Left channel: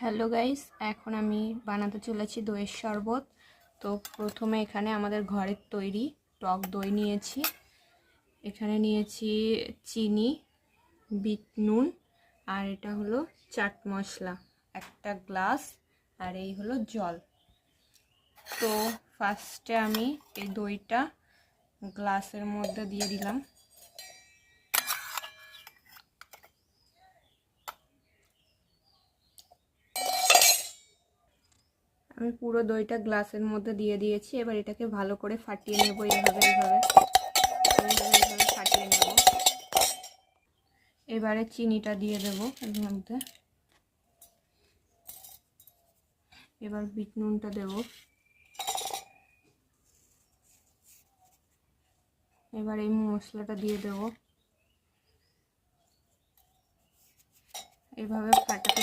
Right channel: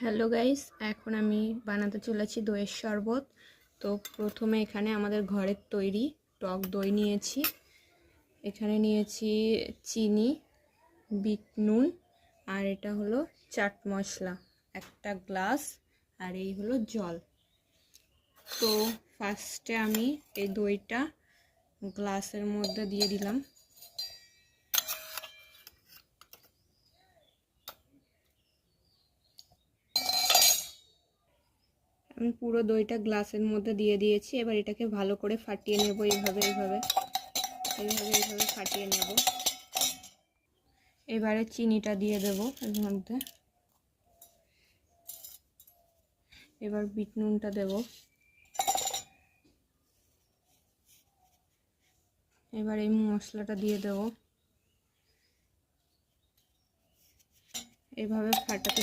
Hello guys, এখন আমি বানাতে চলেছি দইয়ের শরবত। তো প্রথমে এখানে আমাদের ঘরের তৈরি টক দই নিয়েছি। এখানে নিয়েছি চিনি, বিট নুন, আর এটা হলো চাট মশলা, একটা গ্লাস, আর এই হলো জল। তো ফার্স্টে আমি এই দইটা গ্লাসের মধ্যে দিয়ে দিলাম। আমি পুরো দইটা গ্লাসের মধ্যে দিয়ে দিয়েছি। এবার এটাকে ভালো করে ফাটিয়ে নেব। এইভাবে ফাটিয়ে নেব। এবারে চিনিটা দিয়ে দেব এর মধ্যে। এবার বিট নুনটা দেব। এবার এই মশলাটা দিয়ে দেব। এভাবে ফাটাতে